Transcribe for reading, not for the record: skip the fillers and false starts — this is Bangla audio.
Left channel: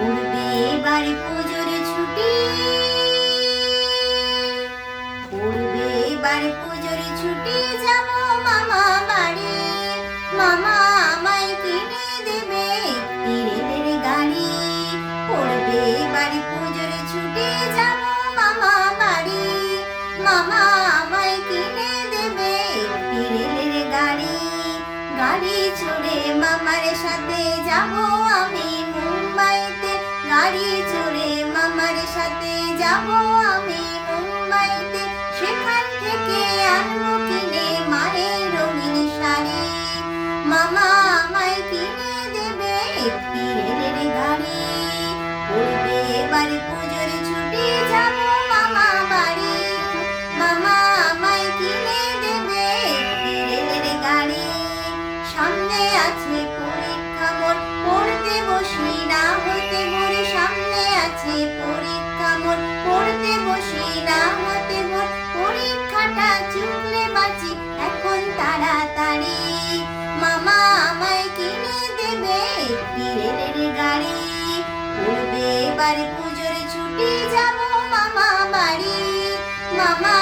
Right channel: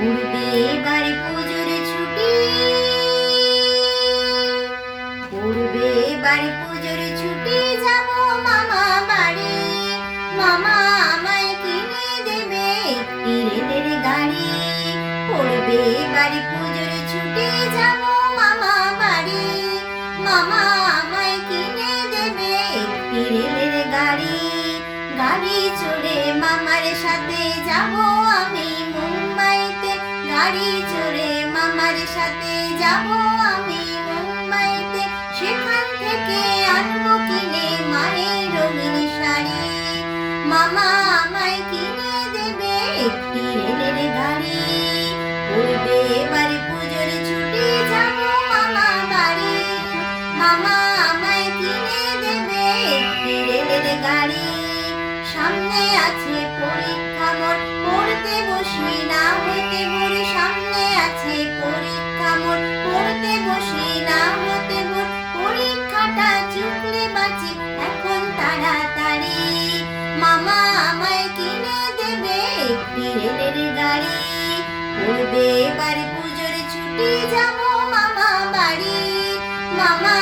পড়বে এবারে পুজোর ছুটি, পড়বে এবারে পুজোর ছুটি, যাব মামা বাড়ি। মামা আমায় কিনে দেবে একটি রেলের গাড়ি। পড়বে এবারে পুজোর ছুটি, যাব মামা বাড়ি। মামা আমায় কিনে দেবে একটি রেলের গাড়ি। গাড়ি চড়ে মামার সাথে যাব আমি মুম্বাইতে। গাড়ি চড়ে মামার সাথে যাব আমি মুম্বাইতে। সেখান থেকে আনবো কিনে মায়ের রঙিন শাড়ি। মামা আমায় কিনে দেবে একটি রেলের গাড়ি। পড়বে এবারে পুজোর ছুটি, যাব মামা বাড়ি। মামা আমায় কিনে দেবে একটি রেলের গাড়ি। সামনে আছে পরীক্ষা মোর, পড়তে বসি না হতে ভোর। সামনে আছে পরীক্ষা মোর, পড়তে বসি না হতে ভোর। পরীক্ষাটা চুকলে বাঁচি এখন তাড়াতাড়ি। মামা আমায় কিনে দেবে একটি রেলের গাড়ি। পড়বে এবার পুজোর ছুটি, যাব মামা বাড়ি। মামা